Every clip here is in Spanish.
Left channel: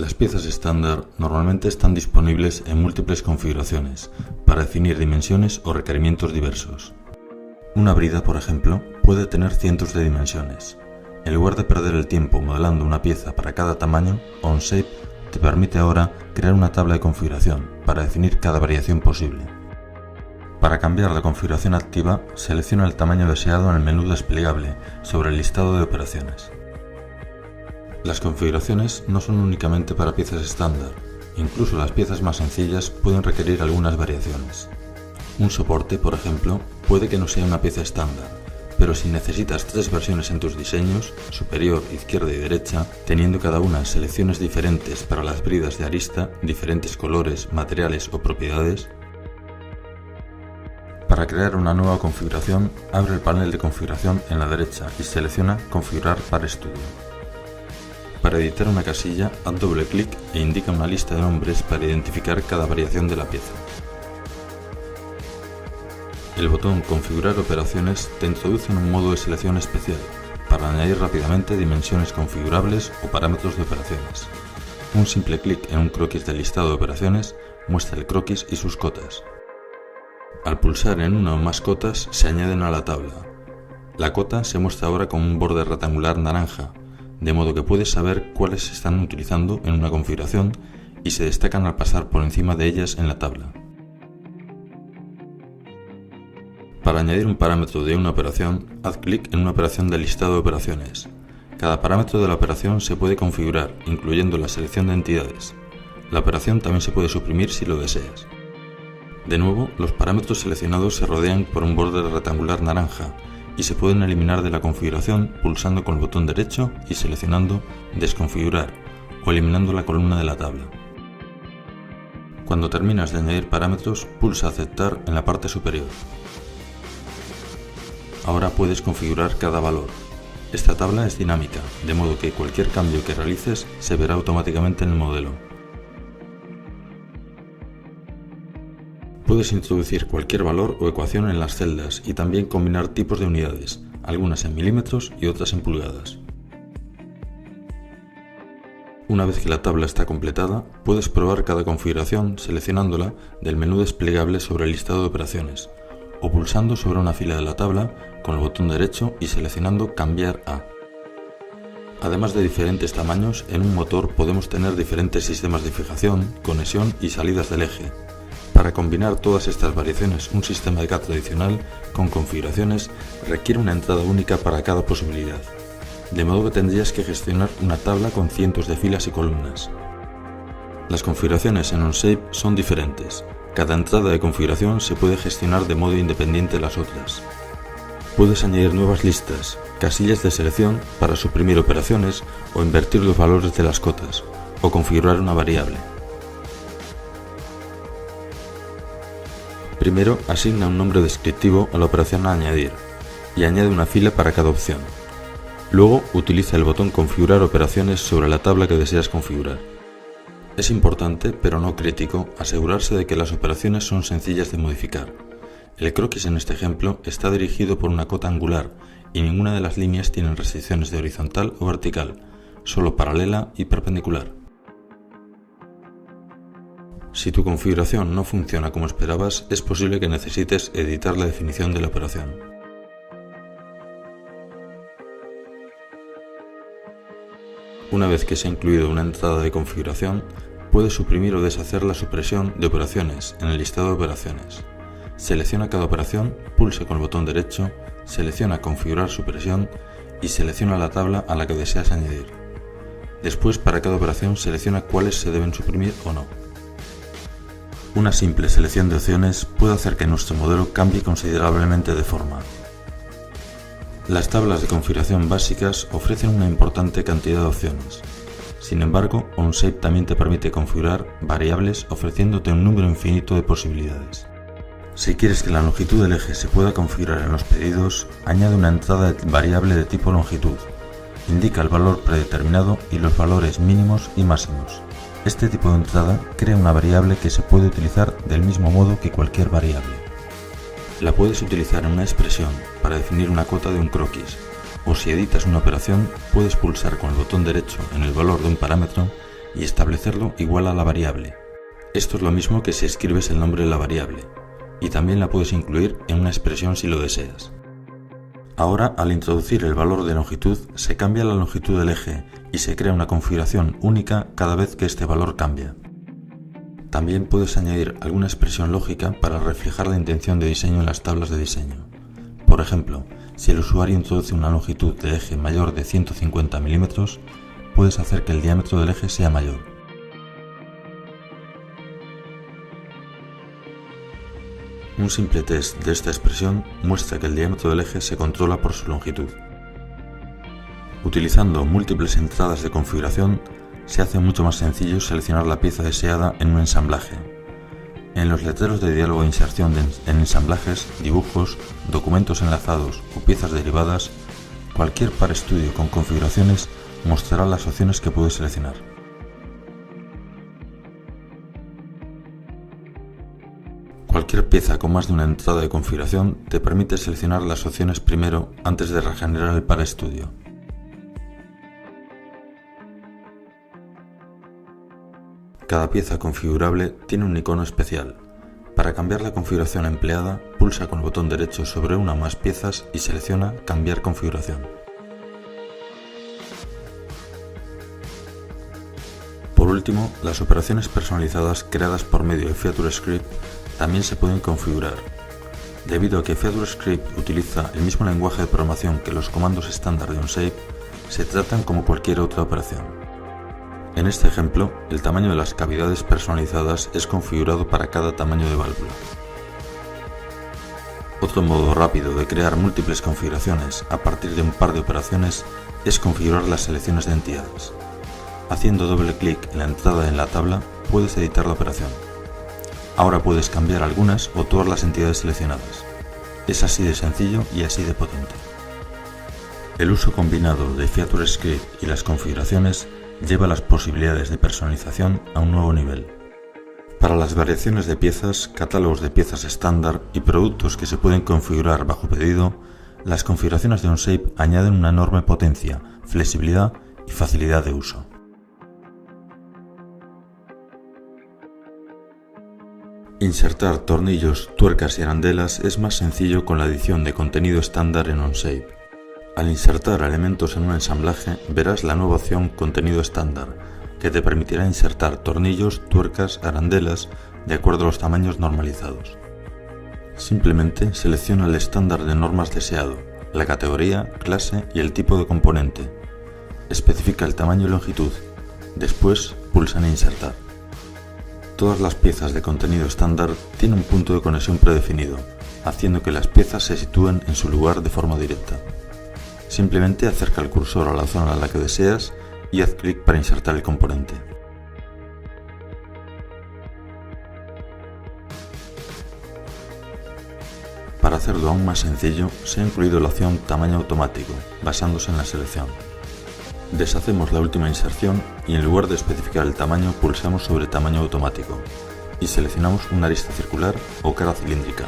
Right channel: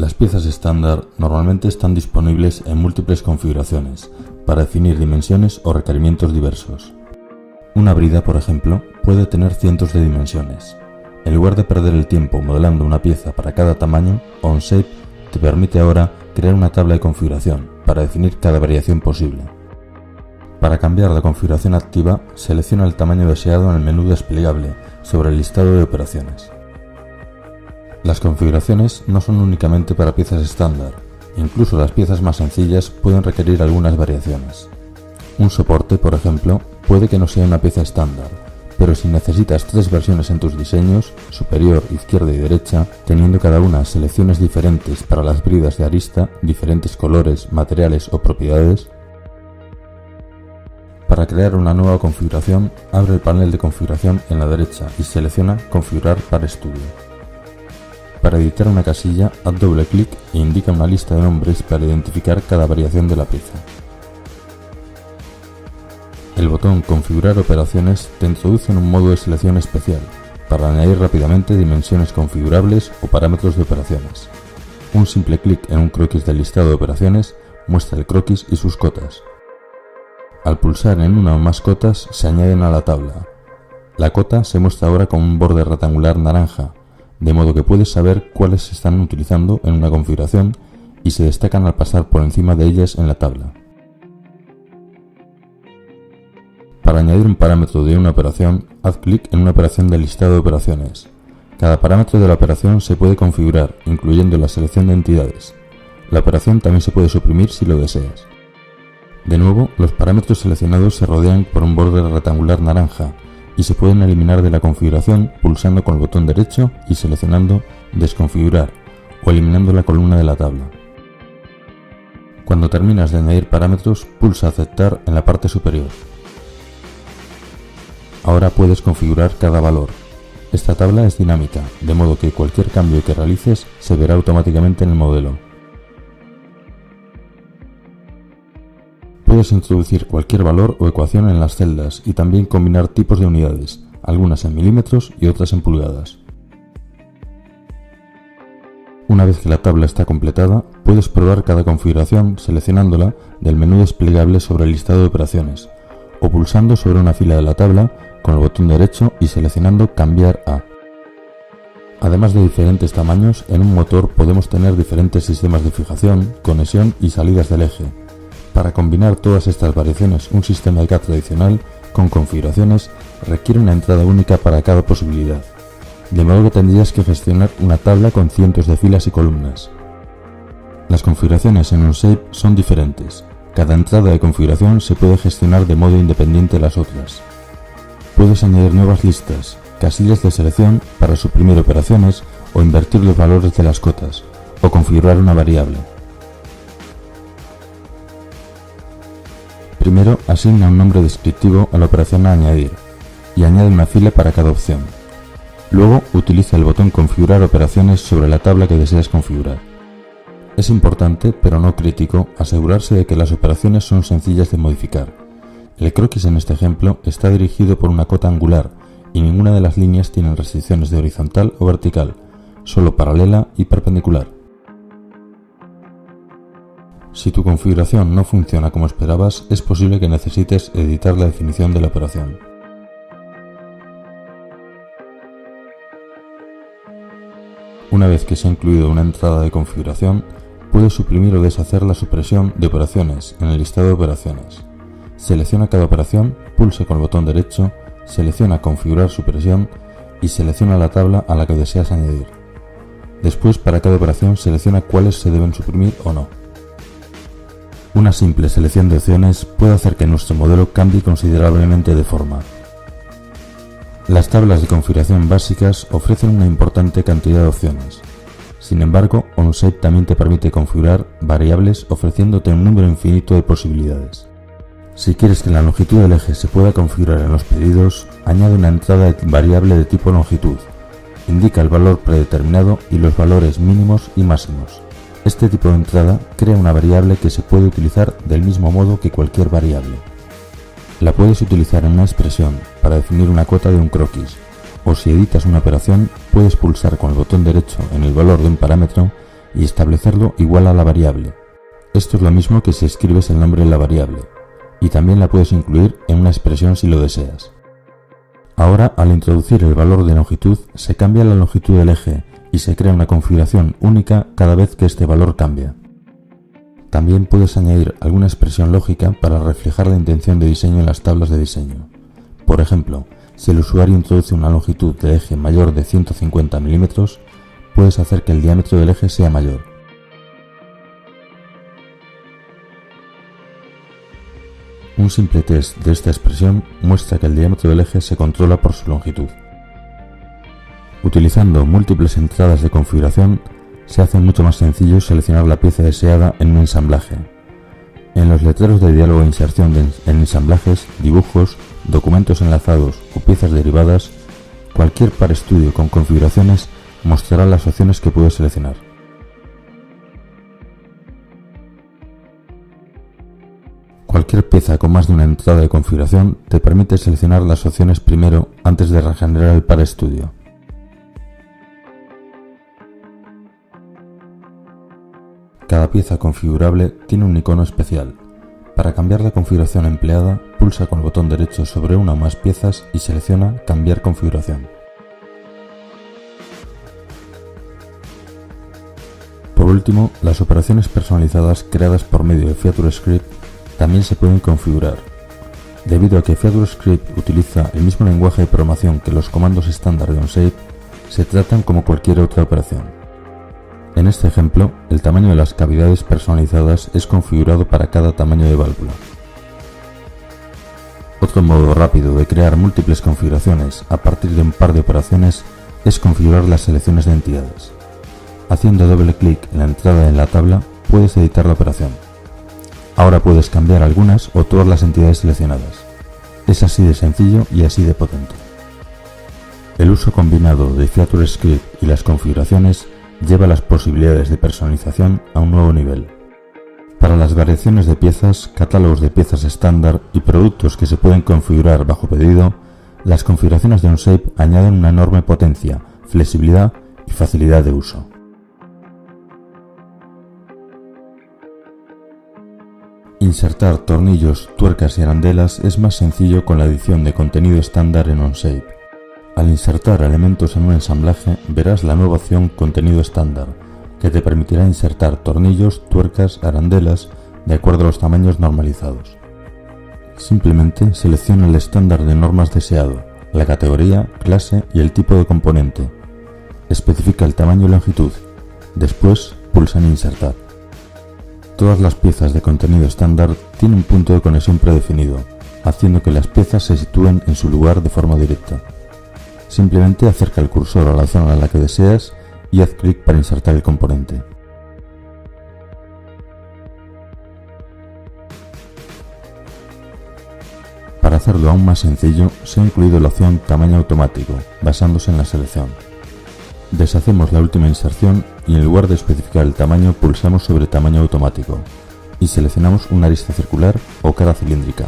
Las piezas estándar normalmente están disponibles en múltiples configuraciones para definir dimensiones o requerimientos diversos. Una brida, por ejemplo, puede tener cientos de dimensiones. En lugar de perder el tiempo modelando una pieza para cada tamaño, Onshape te permite ahora crear una tabla de configuración para definir cada variación posible. Para cambiar la configuración activa, selecciona el tamaño deseado en el menú desplegable sobre el listado de operaciones. Las configuraciones no son únicamente para piezas estándar, incluso las piezas más sencillas pueden requerir algunas variaciones. Un soporte, por ejemplo, puede que no sea una pieza estándar, pero si necesitas 3 versiones en tus diseños, superior, izquierda y derecha, teniendo cada una selecciones diferentes para las bridas de arista, diferentes colores, materiales o propiedades, para crear una nueva configuración, abre el panel de configuración en la derecha y selecciona Configurar para estudio. Para editar una casilla, haz doble clic e indica una lista de nombres para identificar cada variación de la pieza. El botón Configurar operaciones te introduce en un modo de selección especial para añadir rápidamente dimensiones configurables o parámetros de operaciones. Un simple clic en un croquis del listado de operaciones muestra el croquis y sus cotas. Al pulsar en una o más cotas se añaden a la tabla. La cota se muestra ahora con un borde rectangular naranja, de modo que puedes saber cuáles se están utilizando en una configuración y se destacan al pasar por encima de ellas en la tabla. Para añadir un parámetro de una operación, haz clic en una operación del listado de operaciones. Cada parámetro de la operación se puede configurar, incluyendo la selección de entidades. La operación también se puede suprimir si lo deseas. De nuevo, los parámetros seleccionados se rodean por un borde rectangular naranja y se pueden eliminar de la configuración pulsando con el botón derecho y seleccionando Desconfigurar o eliminando la columna de la tabla. Cuando terminas de añadir parámetros, pulsa Aceptar en la parte superior. Ahora puedes configurar cada valor. Esta tabla es dinámica, de modo que cualquier cambio que realices se verá automáticamente en el modelo. Puedes introducir cualquier valor o ecuación en las celdas y también combinar tipos de unidades, algunas en milímetros y otras en pulgadas. Una vez que la tabla está completada, puedes probar cada configuración seleccionándola del menú desplegable sobre el listado de operaciones o pulsando sobre una fila de la tabla con el botón derecho y seleccionando Cambiar a. Además de diferentes tamaños, en un motor podemos tener diferentes sistemas de fijación, conexión y salidas del eje. Para combinar todas estas variaciones, un sistema de CAD tradicional con configuraciones requiere una entrada única para cada posibilidad, de modo que tendrías que gestionar una tabla con cientos de filas y columnas. Las configuraciones en Onshape son diferentes. Cada entrada de configuración se puede gestionar de modo independiente de las otras. Puedes añadir nuevas listas, casillas de selección para suprimir operaciones o invertir los valores de las cotas, o configurar una variable. Primero, asigna un nombre descriptivo a la operación a añadir y añade una fila para cada opción. Luego, utiliza el botón Configurar operaciones sobre la tabla que deseas configurar. Es importante, pero no crítico, asegurarse de que las operaciones son sencillas de modificar. El croquis en este ejemplo está dirigido por una cota angular y ninguna de las líneas tiene restricciones de horizontal o vertical, solo paralela y perpendicular. Si tu configuración no funciona como esperabas, es posible que necesites editar la definición de la operación. Una vez que se ha incluido una entrada de configuración, puedes suprimir o deshacer la supresión de operaciones en el listado de operaciones. Selecciona cada operación, pulsa con el botón derecho, selecciona Configurar supresión y selecciona la tabla a la que deseas añadir. Después, para cada operación, selecciona cuáles se deben suprimir o no. Una simple selección de opciones puede hacer que nuestro modelo cambie considerablemente de forma. Las tablas de configuración básicas ofrecen una importante cantidad de opciones. Sin embargo, Onshape también te permite configurar variables ofreciéndote un número infinito de posibilidades. Si quieres que la longitud del eje se pueda configurar en los pedidos, añade una entrada variable de tipo longitud. Indica el valor predeterminado y los valores mínimos y máximos. Este tipo de entrada crea una variable que se puede utilizar del mismo modo que cualquier variable. La puedes utilizar en una expresión para definir una cota de un croquis, o si editas una operación, puedes pulsar con el botón derecho en el valor de un parámetro y establecerlo igual a la variable. Esto es lo mismo que si escribes el nombre de la variable, y también la puedes incluir en una expresión si lo deseas. Ahora, al introducir el valor de longitud, se cambia la longitud del eje y se crea una configuración única cada vez que este valor cambia. También puedes añadir alguna expresión lógica para reflejar la intención de diseño en las tablas de diseño. Por ejemplo, si el usuario introduce una longitud de eje mayor de 150 mm, puedes hacer que el diámetro del eje sea mayor. Un simple test de esta expresión muestra que el diámetro del eje se controla por su longitud. Utilizando múltiples entradas de configuración, se hace mucho más sencillo seleccionar la pieza deseada en un ensamblaje. En los letreros de diálogo de inserción en ensamblajes, dibujos, documentos enlazados o piezas derivadas, cualquier PARStudio con configuraciones mostrará las opciones que puedes seleccionar. Cualquier pieza con más de una entrada de configuración te permite seleccionar las opciones primero antes de regenerar el PARStudio. Cada pieza configurable tiene un icono especial. Para cambiar la configuración empleada, pulsa con el botón derecho sobre una o más piezas y selecciona Cambiar configuración. Por último, las operaciones personalizadas creadas por medio de FeatureScript también se pueden configurar. Debido a que FeatureScript utiliza el mismo lenguaje de programación que los comandos estándar de OnShape, se tratan como cualquier otra operación. En este ejemplo, el tamaño de las cavidades personalizadas es configurado para cada tamaño de válvula. Otro modo rápido de crear múltiples configuraciones a partir de un par de operaciones es configurar las selecciones de entidades. Haciendo doble clic en la entrada en la tabla, puedes editar la operación. Ahora puedes cambiar algunas o todas las entidades seleccionadas. Es así de sencillo y así de potente. El uso combinado de FeatureScript y las configuraciones lleva las posibilidades de personalización a un nuevo nivel. Para las variaciones de piezas, catálogos de piezas estándar y productos que se pueden configurar bajo pedido, las configuraciones de OnShape añaden una enorme potencia, flexibilidad y facilidad de uso. Insertar tornillos, tuercas y arandelas es más sencillo con la edición de contenido estándar en OnShape. Al insertar elementos en un ensamblaje, verás la nueva opción Contenido estándar, que te permitirá insertar tornillos, tuercas, arandelas, de acuerdo a los tamaños normalizados. Simplemente selecciona el estándar de normas deseado, la categoría, clase y el tipo de componente. Especifica el tamaño y longitud. Después, pulsa en Insertar. Todas las piezas de contenido estándar tienen un punto de conexión predefinido, haciendo que las piezas se sitúen en su lugar de forma directa. Simplemente acerca el cursor a la zona en la que deseas y haz clic para insertar el componente. Para hacerlo aún más sencillo, se ha incluido la opción Tamaño automático, basándose en la selección. Deshacemos la última inserción y en lugar de especificar el tamaño pulsamos sobre Tamaño automático y seleccionamos una arista circular o cara cilíndrica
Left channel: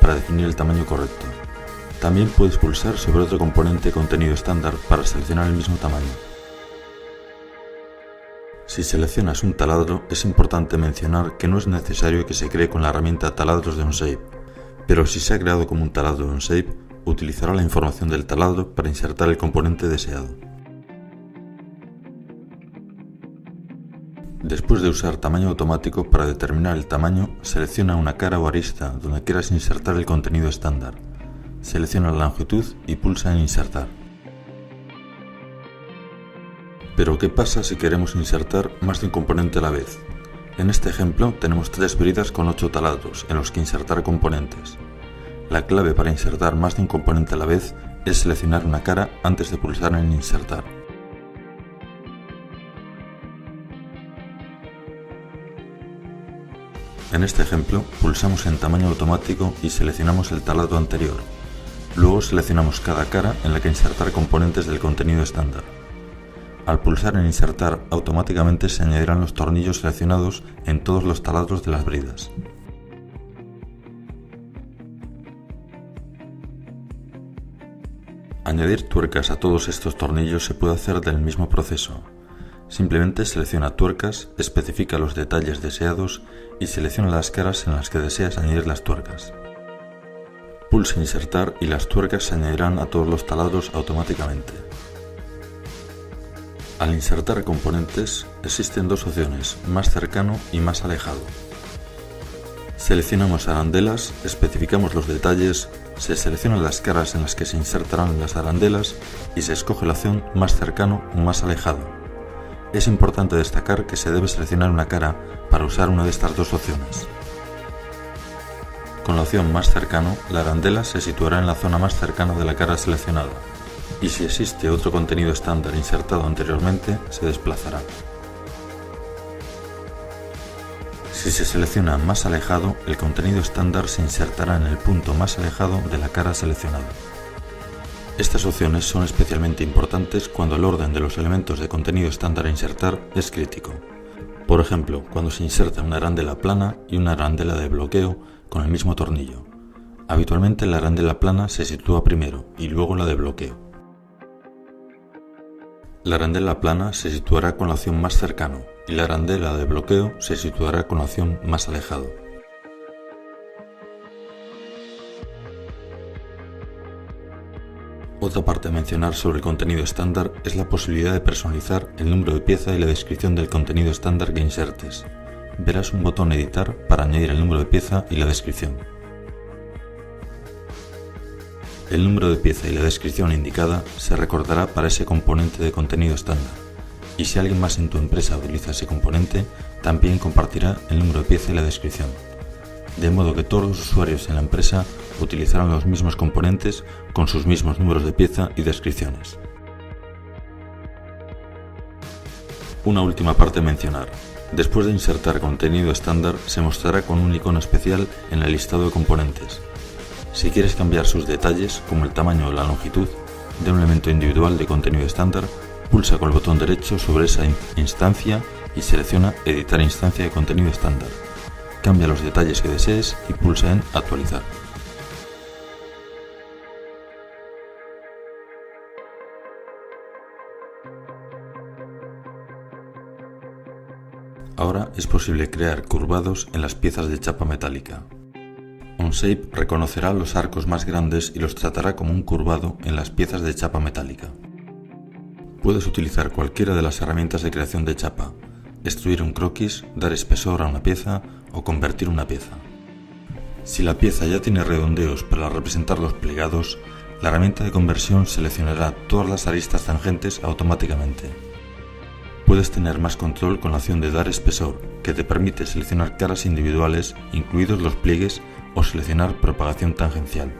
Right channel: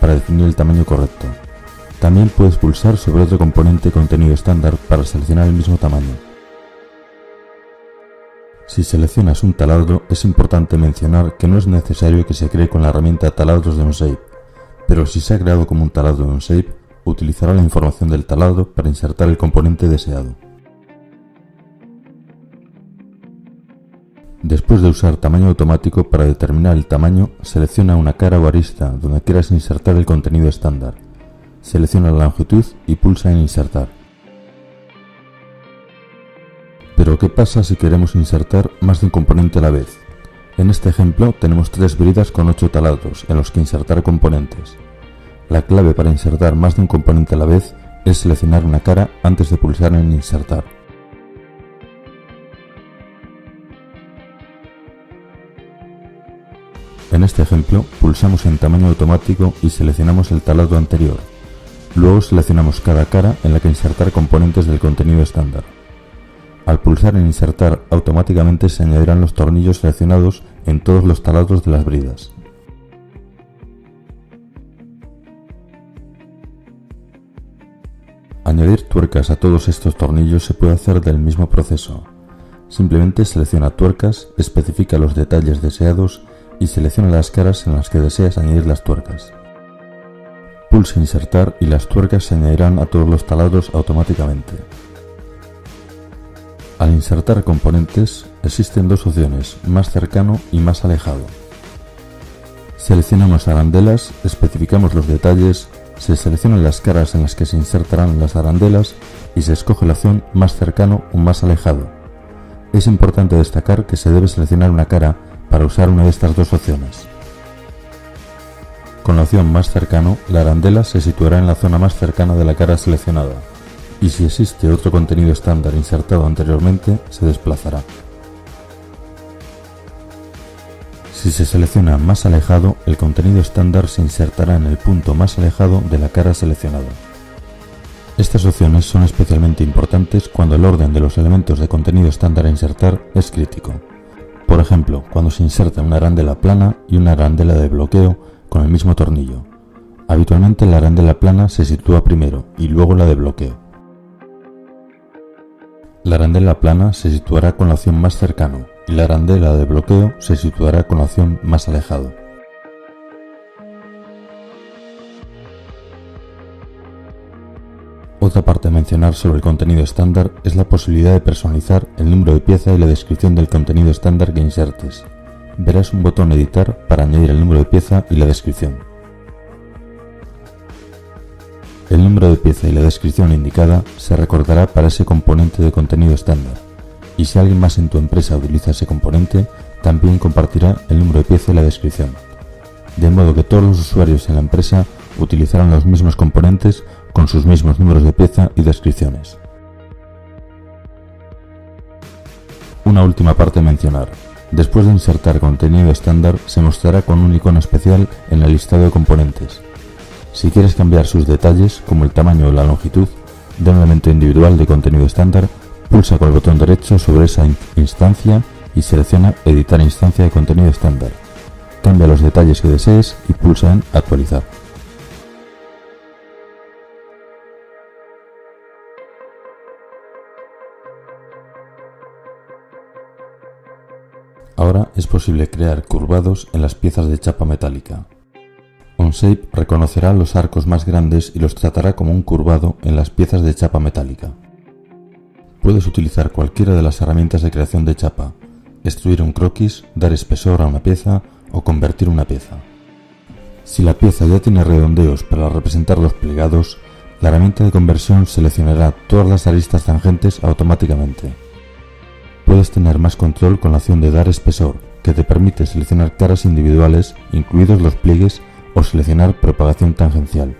para definir el tamaño correcto. También puedes pulsar sobre otro componente contenido estándar para seleccionar el mismo tamaño. Si seleccionas un taladro, es importante mencionar que no es necesario que se cree con la herramienta Taladros de OnShape, pero si se ha creado como un taladro de OnShape, utilizará la información del taladro para insertar el componente deseado. Después de usar Tamaño automático para determinar el tamaño, selecciona una cara o arista donde quieras insertar el contenido estándar. Selecciona la longitud y pulsa en Insertar. Pero ¿qué pasa si queremos insertar más de un componente a la vez? En este ejemplo tenemos 3 bridas con 8 taladros en los que insertar componentes. La clave para insertar más de un componente a la vez es seleccionar una cara antes de pulsar en Insertar. En este ejemplo, pulsamos en Tamaño automático y seleccionamos el taladro anterior. Luego seleccionamos cada cara en la que insertar componentes del contenido estándar. Al pulsar en Insertar, automáticamente se añadirán los tornillos seleccionados en todos los taladros de las bridas. Añadir tuercas a todos estos tornillos se puede hacer del mismo proceso. Simplemente selecciona tuercas, especifica los detalles deseados y selecciona las caras en las que deseas añadir las tuercas. Pulsa Insertar y las tuercas se añadirán a todos los taladros automáticamente. Al insertar componentes existen dos opciones, más cercano y más alejado. Seleccionamos arandelas, especificamos los detalles, se seleccionan las caras en las que se insertarán las arandelas y se escoge la opción más cercano o más alejado. Es importante destacar que se debe seleccionar una cara para usar una de estas dos opciones. Con la opción más cercano, la arandela se situará en la zona más cercana de la cara seleccionada, y si existe otro contenido estándar insertado anteriormente, se desplazará. Si se selecciona más alejado, el contenido estándar se insertará en el punto más alejado de la cara seleccionada. Estas opciones son especialmente importantes cuando el orden de los elementos de contenido estándar a insertar es crítico. Por ejemplo, cuando se inserta una arandela plana y una arandela de bloqueo con el mismo tornillo. Habitualmente la arandela plana se sitúa primero y luego la de bloqueo. La arandela plana se situará con la opción más cercano y la arandela de bloqueo se situará con la opción más alejado. Otra parte a mencionar sobre el contenido estándar es la posibilidad de personalizar el número de pieza y la descripción del contenido estándar que insertes. Verás un botón Editar para añadir el número de pieza y la descripción. El número de pieza y la descripción indicada se recordará para ese componente de contenido estándar, y si alguien más en tu empresa utiliza ese componente, también compartirá el número de pieza y la descripción, de modo que todos los usuarios en la empresa utilizarán los mismos componentes con sus mismos números de pieza y descripciones. Una última parte a mencionar. Después de insertar contenido estándar, se mostrará con un icono especial en el listado de componentes. Si quieres cambiar sus detalles, como el tamaño o la longitud, de un elemento individual de contenido estándar, pulsa con el botón derecho sobre esa instancia y selecciona Editar instancia de contenido estándar. Cambia los detalles que desees y pulsa en Actualizar. Ahora es posible crear curvados en las piezas de chapa metálica. Onshape reconocerá los arcos más grandes y los tratará como un curvado en las piezas de chapa metálica. Puedes utilizar cualquiera de las herramientas de creación de chapa, extruir un croquis, dar espesor a una pieza o convertir una pieza. Si la pieza ya tiene redondeos para representar los plegados, la herramienta de conversión seleccionará todas las aristas tangentes automáticamente. Puedes tener más control con la opción de dar espesor, que te permite seleccionar caras individuales, incluidos los pliegues, o seleccionar propagación tangencial.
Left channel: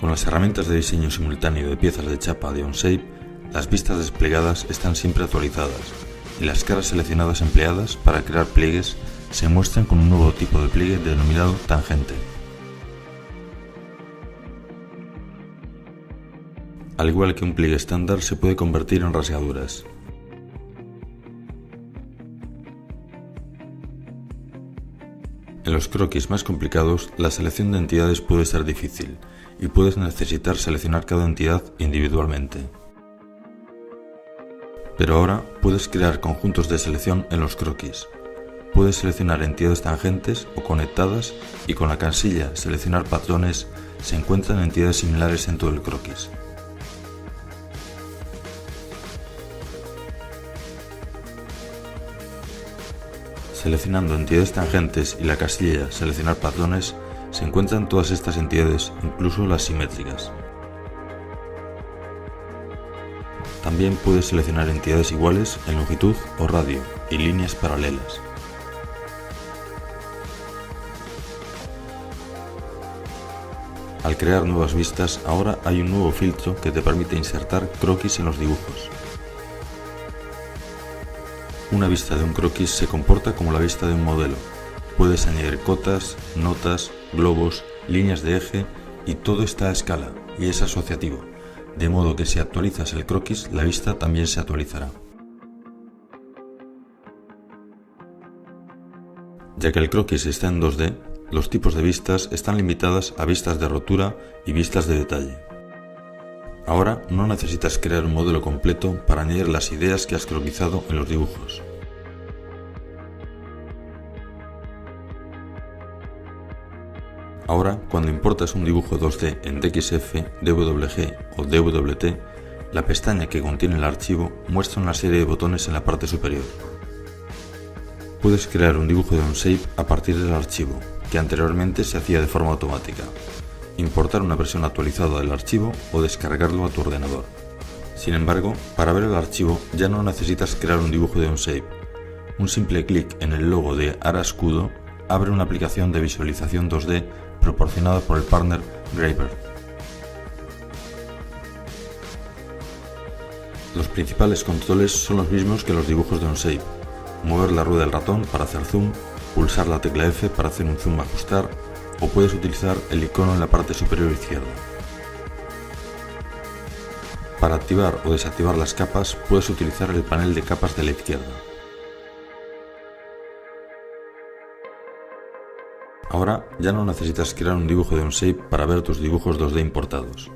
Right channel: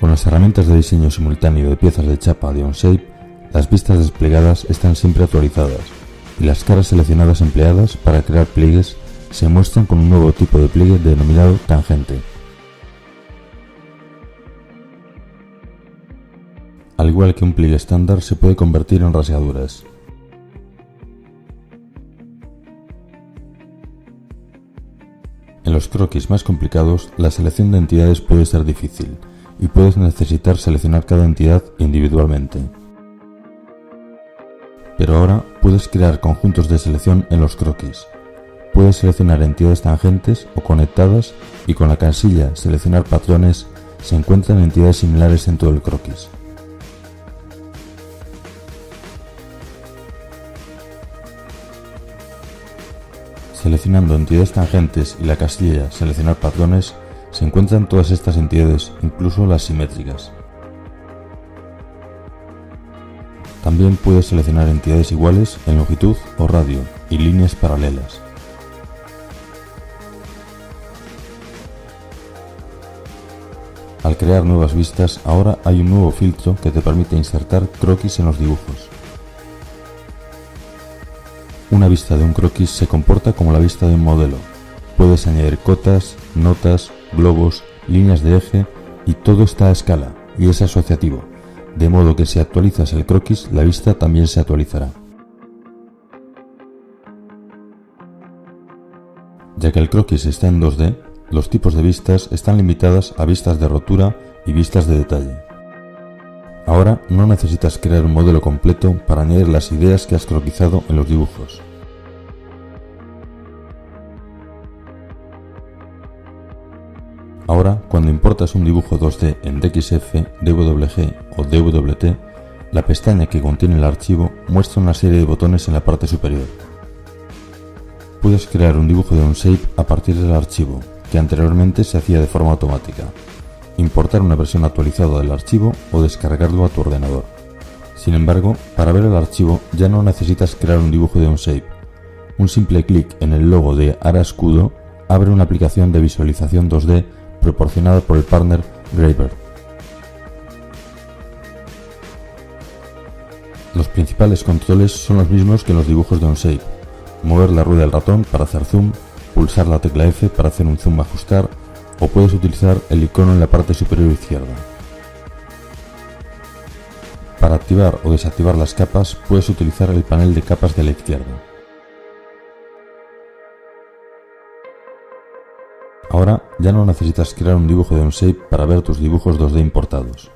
Con las herramientas de diseño simultáneo de piezas de chapa de Onshape, las vistas desplegadas están siempre actualizadas y las caras seleccionadas empleadas para crear pliegues se muestran con un nuevo tipo de pliegue denominado tangente. Al igual que un pliegue estándar, se puede convertir en rasgaduras. En los croquis más complicados, la selección de entidades puede ser difícil y puedes necesitar seleccionar cada entidad individualmente. Pero ahora puedes crear conjuntos de selección en los croquis. Puedes seleccionar entidades tangentes o conectadas y con la casilla Seleccionar patrones se encuentran entidades similares en todo el croquis. Seleccionando entidades tangentes y la casilla Seleccionar patrones se encuentran todas estas entidades, incluso las simétricas. También puedes seleccionar entidades iguales en longitud o radio y líneas paralelas. Al crear nuevas vistas, ahora hay un nuevo filtro que te permite insertar croquis en los dibujos. Una vista de un croquis se comporta como la vista de un modelo. Puedes añadir cotas, notas, globos, líneas de eje y todo está a escala y es asociativo, de modo que si actualizas el croquis, la vista también se actualizará. Ya que el croquis está en 2D, los tipos de vistas están limitadas a vistas de rotura y vistas de detalle. Ahora no necesitas crear un modelo completo para añadir las ideas que has croquisado en los dibujos. Ahora, cuando importas un dibujo 2D en DXF, DWG o DWT, la pestaña que contiene el archivo muestra una serie de botones en la parte superior. Puedes crear un dibujo de Onshape a partir del archivo, que anteriormente se hacía de forma automática, importar una versión actualizada del archivo o descargarlo a tu ordenador. Sin embargo, para ver el archivo ya no necesitas crear un dibujo de Onshape. Un simple clic en el logo de Ara Escudo abre una aplicación de visualización 2D proporcionada por el partner Graver. Los principales controles son los mismos que los dibujos de Onshape: mover la rueda del ratón para hacer zoom, pulsar la tecla F para hacer un zoom ajustar, o puedes utilizar el icono en la parte superior izquierda. Para activar o desactivar las capas puedes utilizar el panel de capas de la izquierda. Ahora ya no necesitas crear un dibujo de Onshape para ver tus dibujos 2D importados.